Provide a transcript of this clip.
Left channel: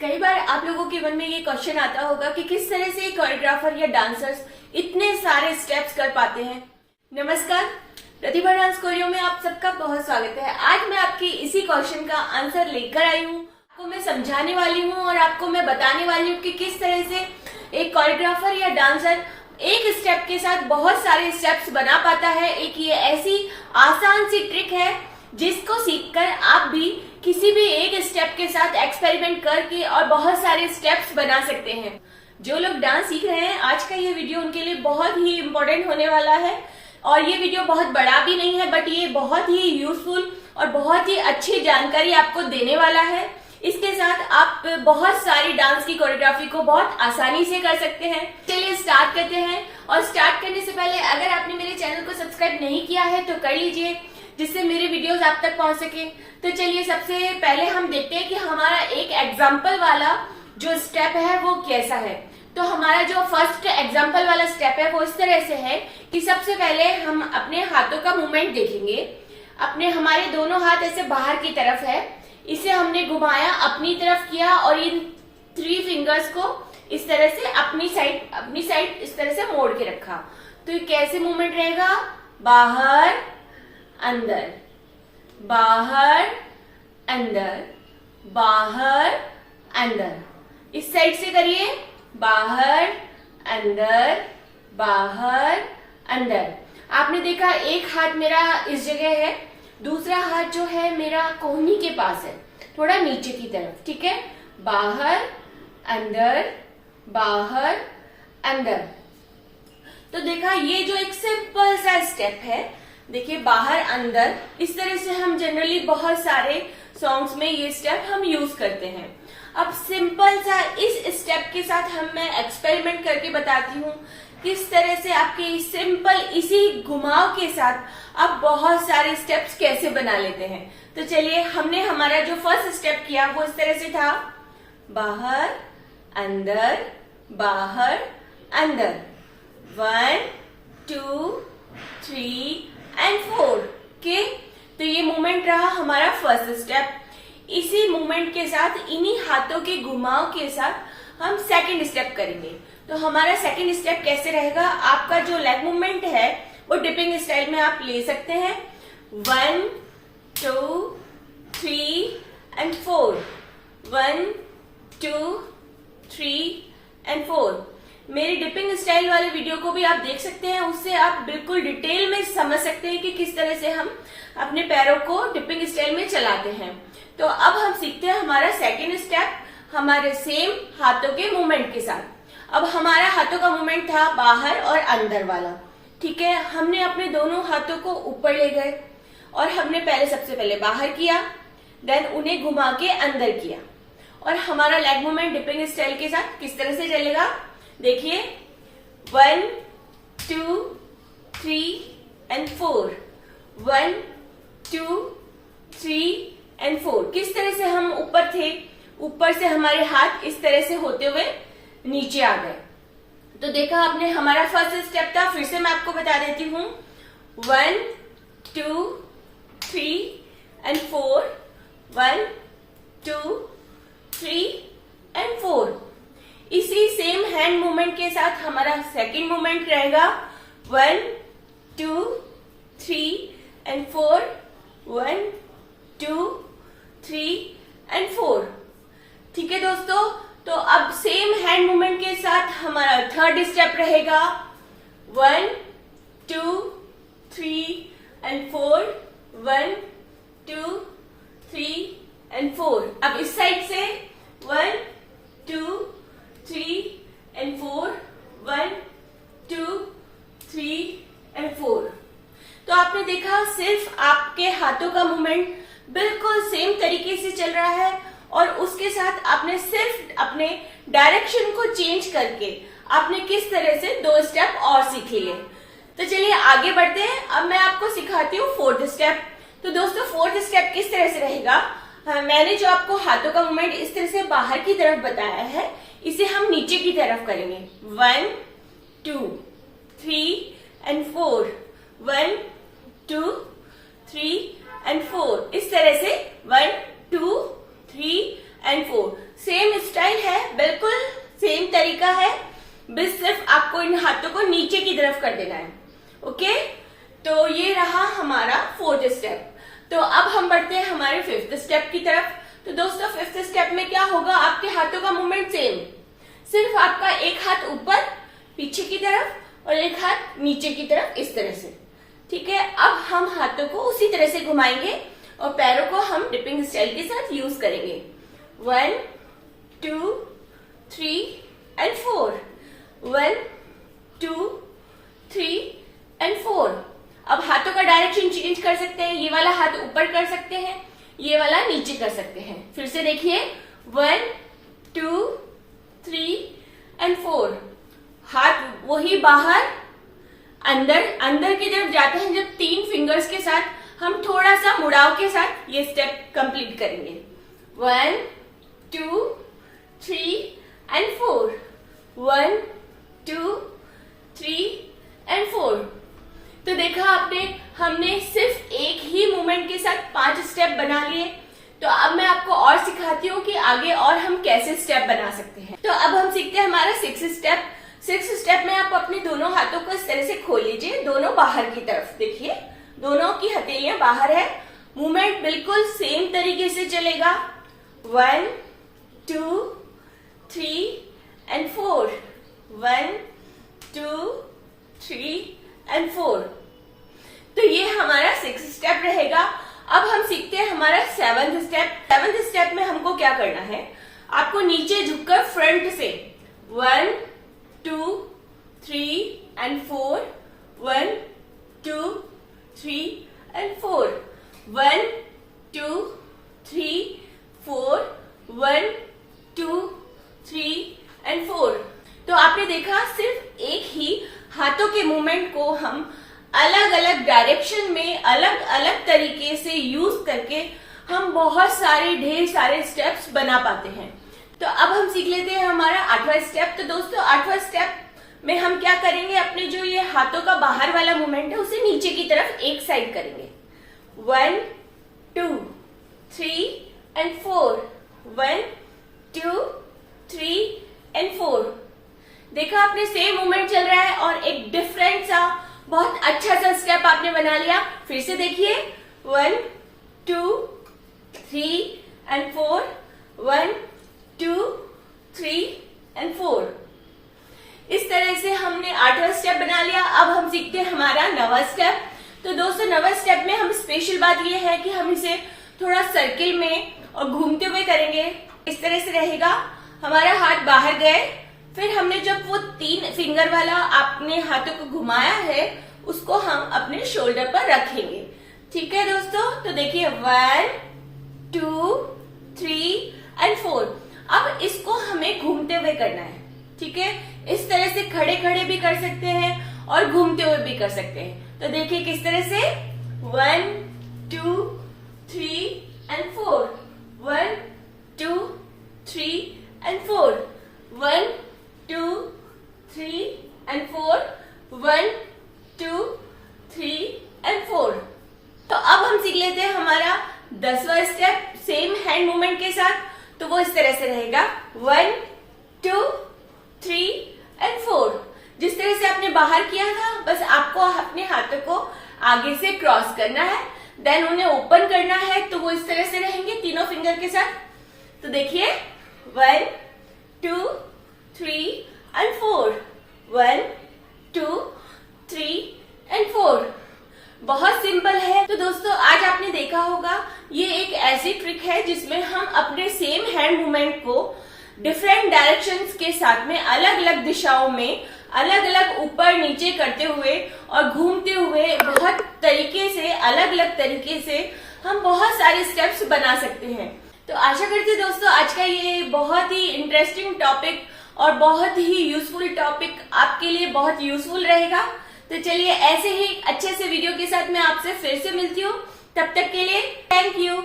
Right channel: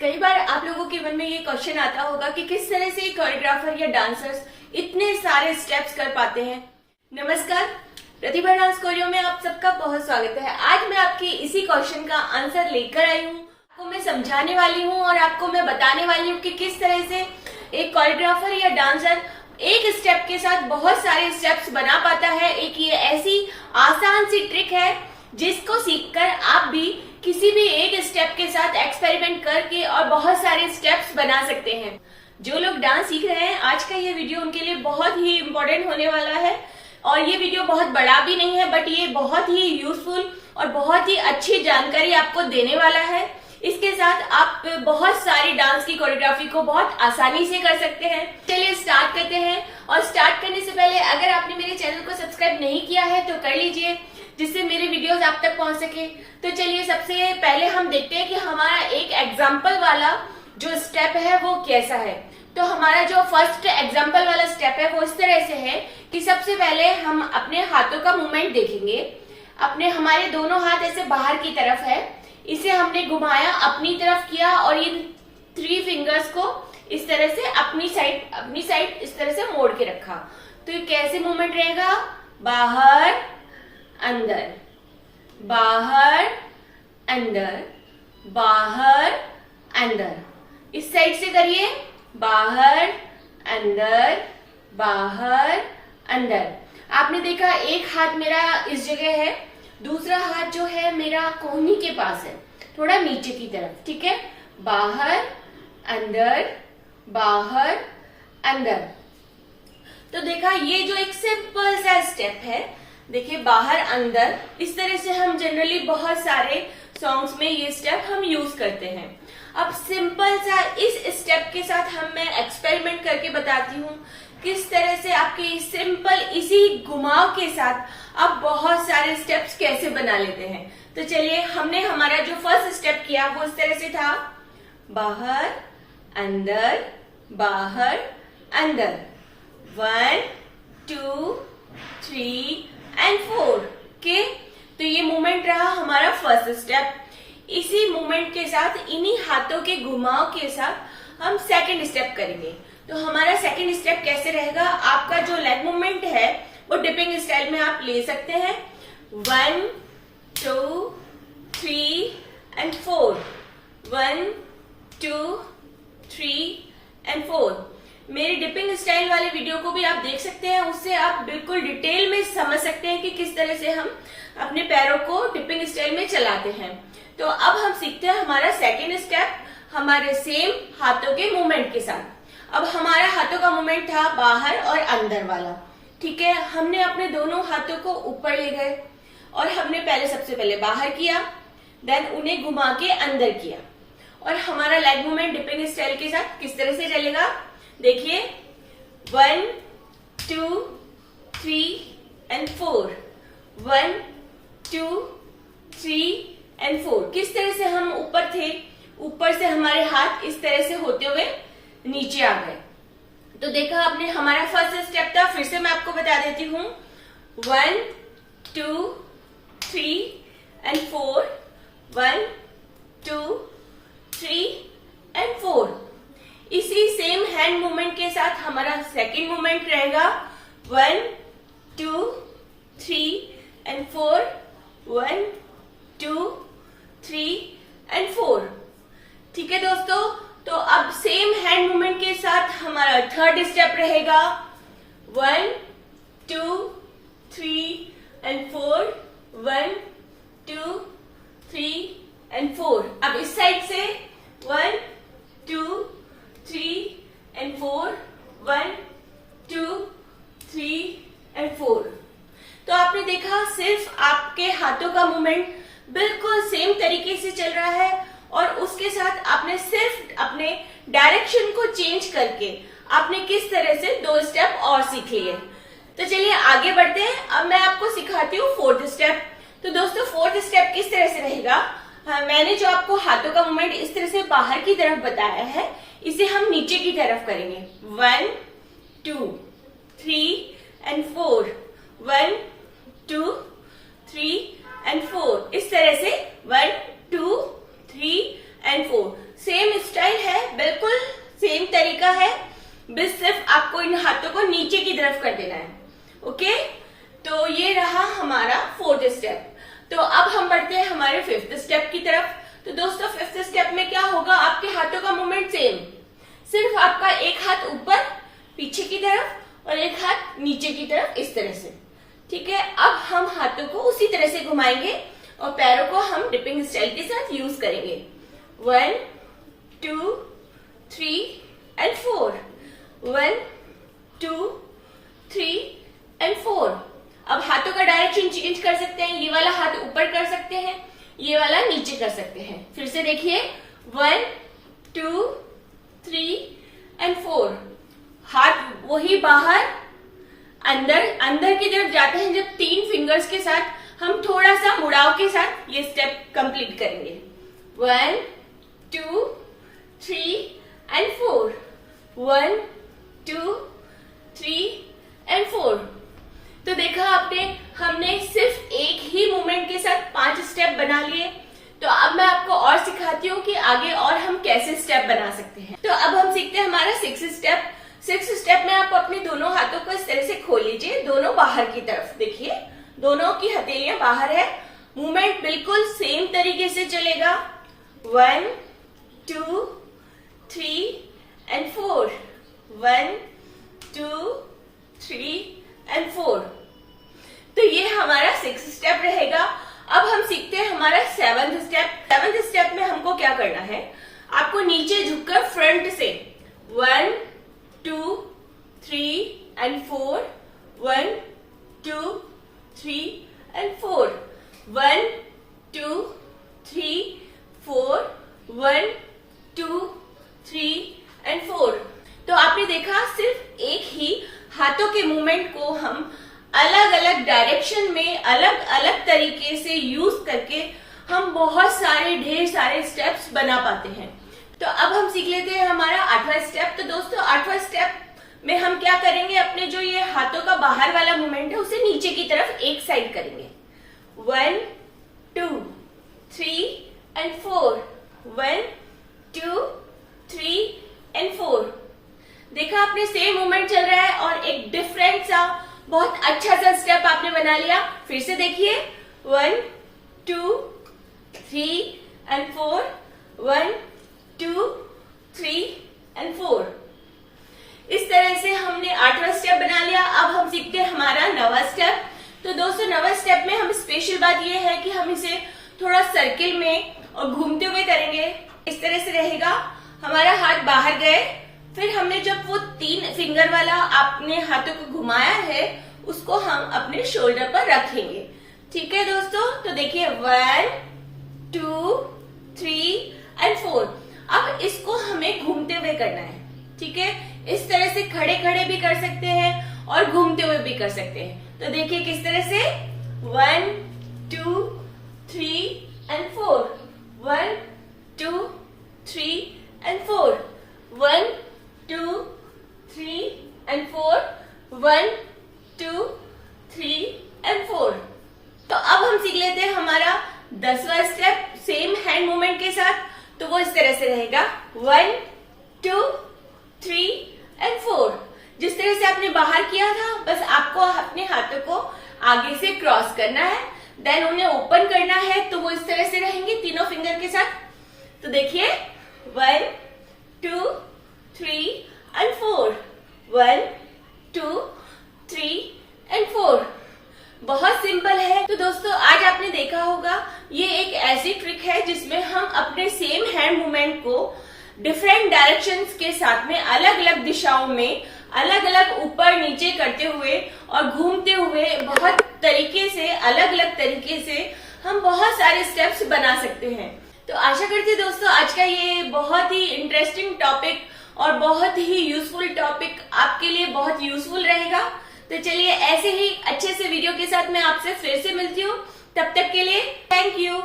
कई बार आप लोगों के मन में ये क्वेश्चन आता होगा कि किस तरह से कोरियोग्राफर या डांसर्स इतने सारे स्टेप्स कर पाते हैं। नमस्कार, प्रतिभा डांस कोरियो में आप सबका बहुत स्वागत है। आज मैं आपके इसी क्वेश्चन का आंसर लेकर आई हूँ। आपको मैं समझाने वाली हूँ और आपको मैं बताने वाली हूँ कि किस तरह से एक कोरियोग्राफर या डांसर एक स्टेप के साथ बहुत सारे स्टेप्स बना पाता है। एक ये ऐसी आसान सी ट्रिक है जिसको सीखकर आप भी किसी भी एक स्टेप के साथ एक्सपेरिमेंट करके और बहुत सारे स्टेप्स बना सकते हैं। जो लोग डांस सीख रहे हैं, आज का ये वीडियो उनके लिए बहुत ही इम्पोर्टेंट होने वाला है। और ये वीडियो बहुत बड़ा भी नहीं है, बट ये बहुत ही यूजफुल और बहुत ही अच्छी जानकारी आपको देने वाला है। इसके साथ आप बहुत सारी डांस की कोरियोग्राफी को बहुत आसानी से कर सकते हैं। चलिए स्टार्ट करते हैं। और स्टार्ट करने से पहले अगर आपने मेरे चैनल को सब्सक्राइब नहीं किया है तो कर लीजिए, जिससे मेरे वीडियोस आप तक पहुंच सके। तो चलिए सबसे पहले हम देखते हैं कि हमारा एक एग्जाम्पल वाला जो स्टेप है वो कैसा है। तो हमारा जो फर्स्ट एग्जाम्पल वाला स्टेप है वो इस तरह से है कि सबसे पहले हम अपने हाथों का मूवमेंट देखेंगे। हमारे दोनों हाथ ऐसे बाहर की तरफ है, इसे हमने घुमाया, अपनी तरफ किया और इन 3 फिंगर्स को इस तरह से अपनी साइड इस तरह से मोड़ के रखा। तो ये कैसे मूवमेंट रहेगा? बाहर अंदर, बाहर अंदर, बाहर अंदर। इस साइड से करिए, बाहर अंदर, बाहर अंदर। आपने देखा एक हाथ मेरा इस जगह है, दूसरा हाथ जो है मेरा कोहनी के पास है, थोड़ा नीचे की तरफ। ठीक है, बाहर अंदर, बाहर अंदर। तो देखा, ये जो एक सिंपल सा स्टेप है, देखिए बाहर अंदर, इस तरह से हम जनरली बहुत सारे सॉन्ग्स में ये स्टेप हम यूज करते हैं। अब सिंपल सा इस स्टेप के साथ मैं एक्सपेरिमेंट करके बताती हूँ किस तरह से आपके सिंपल इसी घुमाव के साथ आप बहुत सारे स्टेप्स कैसे बना लेते हैं। तो चलिए, हमने हमारा जो फर्स्ट स्टेप किया वो इस तरह से था, बाहर अंदर, बाहर अंदर, 1 2 3 and 4 के। तो ये मूवमेंट रहा हमारा फर्स्ट स्टेप। इसी मूवमेंट के साथ, इन्हीं हाथों के घुमाव के साथ हम सेकंड स्टेप करेंगे। तो हमारा सेकंड स्टेप कैसे रहेगा? आपका जो लेग मूवमेंट है वो डिपिंग स्टाइल में आप ले सकते हैं। 1 2 3 and 4, 1 2 3 and 4। मेरी डिपिंग स्टाइल वाली वीडियो को भी आप देख सकते हैं, उससे आप बिल्कुल डिटेल में समझ सकते हैं कि किस तरह से हम अपने पैरों को डिपिंग स्टाइल में चलाते हैं। तो अब हम सीखते हैं हमारा सेकेंड स्टेप, हमारे सेम हाथों के मूवमेंट के साथ। अब हमारा हाथों का मूवमेंट था बाहर और अंदर वाला। ठीक है, हमने अपने दोनों हाथों को ऊपर ले गए और हमने सबसे पहले बाहर किया, देन उन्हें घुमा के अंदर किया। और हमारा लेग मूवमेंट डिपिंग स्टाइल के साथ किस तरह से चलेगा? देखिए, 1 2 3 and 4, 1 2 3 and 4। किस तरह से हम ऊपर थे, ऊपर से हमारे हाथ इस तरह से होते हुए नीचे आ गए। तो देखा आपने, हमारा फर्स्ट स्टेप था, फिर से मैं आपको बता देती हूँ, 1 2 3 and 4, 1 2 3 and 4। इसी सेम हैंड मूवमेंट के साथ हमारा सेकंड मूवमेंट रहेगा, 1 2 3 and 4, 1 2 3 and 4। ठीक है दोस्तों, तो अब सेम हैंड मूवमेंट के साथ हमारा थर्ड स्टेप रहेगा, 1 2 3 and 4, 1 2 3 and 4। अब इस साइड से 1 2 3 and 4, 1 2 3 and 4। तो आपने देखा, सिर्फ आपके हाथों का मूवमेंट बिल्कुल सेम तरीके से चल रहा है और उसके साथ आपने सिर्फ अपने डायरेक्शन को चेंज करके आपने किस तरह से 2 स्टेप और सीख लिए। तो चलिए आगे बढ़ते हैं। अब मैं आपको सिखाती हूँ फोर्थ स्टेप। तो दोस्तों, फोर्थ स्टेप किस तरह से रहेगा? मैंने जो आपको हाथों का मूवमेंट इस तरह से बाहर की तरफ बताया है, इसे हम नीचे की तरफ करेंगे। 1 2 3 and 4, 1 2 3 and 4। इस तरह से 1 2 3 and 4। सेम स्टाइल है, बिल्कुल सेम तरीका है, बस सिर्फ आपको इन हाथों को नीचे की तरफ कर देना है। ओके, तो ये रहा हमारा 4th स्टेप। तो अब हम बढ़ते हैं हमारे 5th स्टेप की तरफ। तो दोस्तों 5th स्टेप में क्या होगा, आपके हाथों का मूवमेंट सेम, सिर्फ आपका एक हाथ ऊपर पीछे की तरफ और एक हाथ नीचे की तरफ, इस तरह से। ठीक है, अब हम हाथों को उसी तरह से घुमाएंगे और पैरों को हम डिपिंग स्टाइल के साथ यूज करेंगे। 1 2 3 एंड 4, 1 2 3 एंड 4। अब हाथों का डायरेक्शन चेंज कर सकते हैं, ये वाला हाथ ऊपर कर सकते हैं, ये वाला नीचे कर सकते हैं। फिर से देखिए, 1 2 3 एंड 4। हाथ वही बाहर अंदर की तरफ जाते हैं जब 3 फिंगर्स के साथ हम थोड़ा सा मुड़ाव के साथ ये स्टेप कंप्लीट करेंगे। 1 2 3 एंड 4, 1 2 3 एंड 4। तो देखा आपने, हमने सिर्फ एक ही मूवमेंट के साथ 5 स्टेप बना लिए। तो अब मैं आपको और सिखाती हूँ कि आगे और हम कैसे स्टेप बना सकते हैं। तो अब हम सीखते हैं हमारा 6th स्टेप। 6th स्टेप में आप अपने दोनों हाथों को इस तरह से खोल लीजिए, दोनों बाहर की तरफ। देखिए, दोनों की हथेलियां बाहर है, मूवमेंट बिल्कुल सेम तरीके से चलेगा। 1 2 3 एंड 4, 1 2 3 एंड 4। तो ये हमारा 6th स्टेप रहेगा। अब हम सीखते हैं हमारा 7th स्टेप। 7th स्टेप में हमको क्या करना है, आपको नीचे झुककर फ्रंट से 1 2 3 एंड 4, 1 2 3 एंड 4, 1 2 3 4, 1 2 3 एंड 4। तो आपने देखा, सिर्फ एक ही हाथों के मूवमेंट को हम अलग अलग डायरेक्शन में अलग अलग तरीके से यूज करके हम बहुत सारे ढेर सारे स्टेप्स बना पाते हैं। तो अब हम सीख लेते हैं हमारा 8वां स्टेप। तो दोस्तों 8वां स्टेप में हम क्या करेंगे, अपने जो ये हाथों का बाहर वाला मूवमेंट है उसे नीचे की तरफ एक साइड करेंगे। 1 2 3 एंड 4, 1 2 3 एंड 4। देखा आपने, सेम मूवमेंट चल रहा है और एक डिफरेंट सा बहुत अच्छा सा स्टेप आपने बना लिया। फिर से देखिए, 1 2 3 एंड 4, 1 2 3 एंड 4। इस तरह से हमने 8वां स्टेप बना लिया। अब हम सीखते हैं हमारा 9वां स्टेप। तो दोस्तों 9वां स्टेप में हम स्पेशल बात ये है कि हम इसे थोड़ा सर्किल में और घूमते हुए करेंगे। इस तरह से रहेगा, हमारा हाथ बाहर गए, फिर हमने जब वो 3 फिंगर वाला आपने हाथों को घुमाया है उसको हम अपने शोल्डर पर रखेंगे। ठीक है दोस्तों, तो देखिए 1 2 3 एंड 4। अब इसको हमें घूमते हुए करना है। ठीक है, इस तरह से खड़े खड़े भी कर सकते हैं और घूमते हुए भी कर सकते हैं। तो देखिए किस तरह से, 1 2 3 एंड 4, 1 2 3 एंड 4, 1 2 3 एंड 4, 1 2 3 एंड 4। तो अब हम सीख लेते हैं हमारा 10वां स्टेप सेम हैंड मूवमेंट के साथ। तो वो इस तरह से रहेगा, 1 2 3 एंड 4। जिस तरह से आपने बाहर किया था, बस आपको अपने हाथों को आगे से क्रॉस करना है, देन उन्हें ओपन करना है। तो वो इस तरह से रहेंगे तीनों फिंगर के साथ। तो देखिए 1 2 3 एंड 4, 1 2 3 एंड 4। बहुत सिंपल है। तो दोस्तों आज आपने देखा होगा, ये एक ऐसी ट्रिक है जिसमें हम अपने सेम हैंड मूवमेंट को डिफरेंट डायरेक्शंस के साथ में अलग अलग दिशाओं में अलग अलग ऊपर नीचे करते हुए और घूमते हुए बहुत तरीके से, अलग अलग तरीके से हम बहुत सारे स्टेप्स बना सकते हैं। तो आशा करती हूँ दोस्तों आज का ये बहुत ही इंटरेस्टिंग टॉपिक और बहुत ही यूजफुल टॉपिक आपके लिए बहुत यूजफुल रहेगा। तो चलिए ऐसे ही अच्छे से वीडियो के साथ मैं आपसे फिर से मिलती हूँ। तब तक के लिए थैंक यू।